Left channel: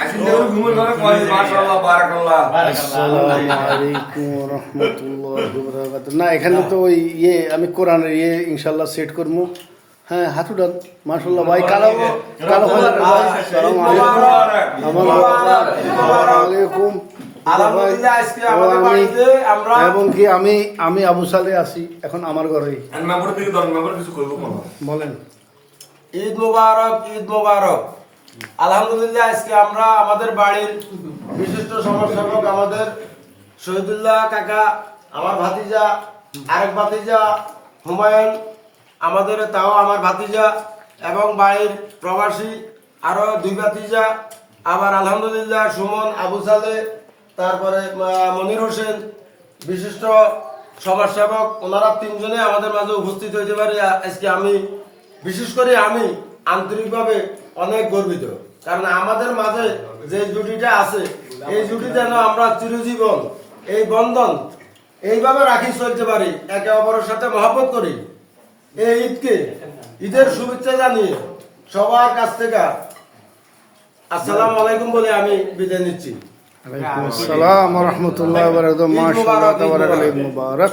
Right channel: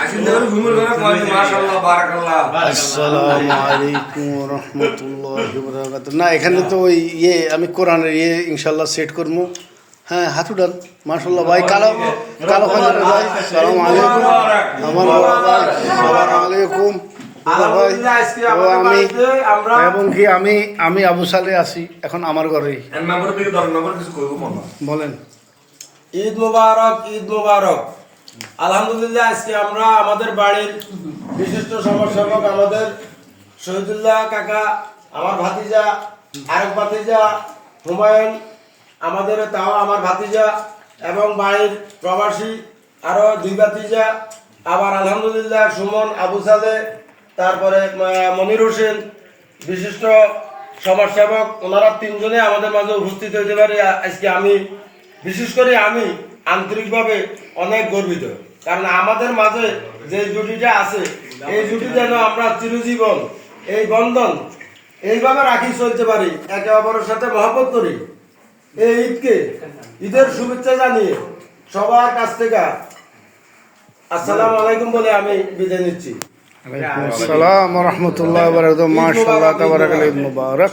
আসসালামু আলাইকুম ওয়া রাহমাতুল্লাহি ওয়া বারাকাতুহু। না এখানে তো ওই আমি কোরআনের ইনশাআল্লাহ সেট করবো। হ্যাঁ হাত উঠান মাশাআল্লাহ ভাই। কালো কালো খানের ভাই আসসালামু আলাইকুম। আমার আসসালামু আলাইকুম ভাই। এবং কি আমি আবু সালে আছি এখন আমার ঘরেই। বলেন ঈদ মোবারক, ঈদ মোবারক। আলহামদুলিল্লাহ আজকে আমরা আমাদের বাড়ির বিশিষ্ট সমাজসেবক আমাদের শহীদুল্লাহ কাকা, আমার ভাতিজা, আরেক ভাতিজা হুমায়ুন, আমাদের তাও আমার ভাতিজা এবং বাড়ির প্রবাসী আরো দুই ভাতিজা, আবার আলহামদুলিল্লাহ সুমন, আবু সালে, তারপরে মনির হোসেন, বিশিষ্ট সমাজসেবক, ওনারা তিনজনে আমাদের মাঝে উপস্থিত হইতে পারে আজকে। আমি বিশেষ করে আমি আন্তরিকভাবে অনেক গর্বিত, কারণ আমাদের মাঝে যে জুটিটা আছে এই জুটি যেন আমরা চিরজীবন এই বন্ধন এইভাবে রাখি চলতে পারি, একে অপরের সাথে মহব্বত করি। এই ঈদকে ঈদের শুভেচ্ছা জানিয়ে সবার কাছ থেকে আসসালামু আলাইকুম বলে আমি বিদায় নিচ্ছি। ওয়ালাইকুম আসসালাম ওয়া রাহমাতুল্লাহি ওয়া বারাকাতুহু। মাশাআল্লাহ তাবারাকাল্লাহ, ঈদ মুবারক।